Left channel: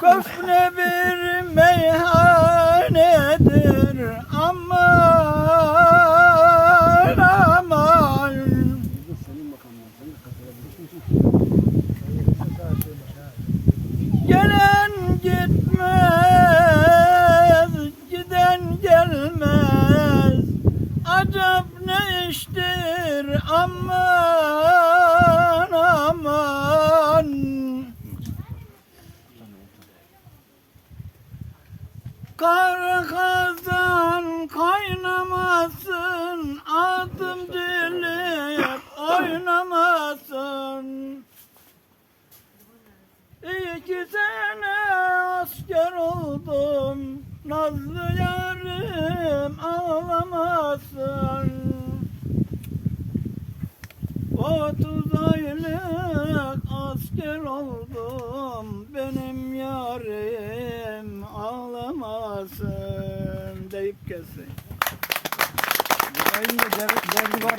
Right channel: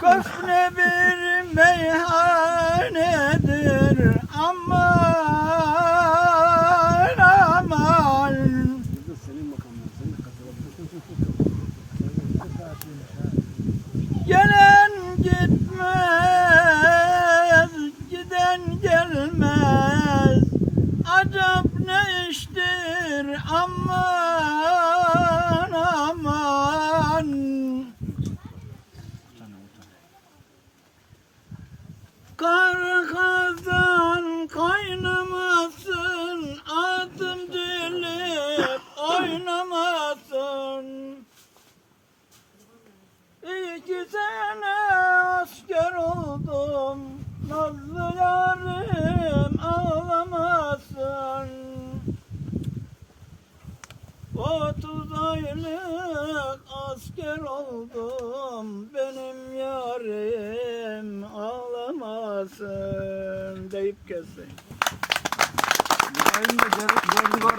Köfne bir meyhanedir aman aman Gelen gitmez, giden gelmez Acap ne iştir aman Kar kazan kaynamasın Adım dilip oynamasın. İki sene asker oldum Nazlı yarım ağlamasın. Otuz aylık asker oldum ağlamasın deyip kesin. Yayında derdi var.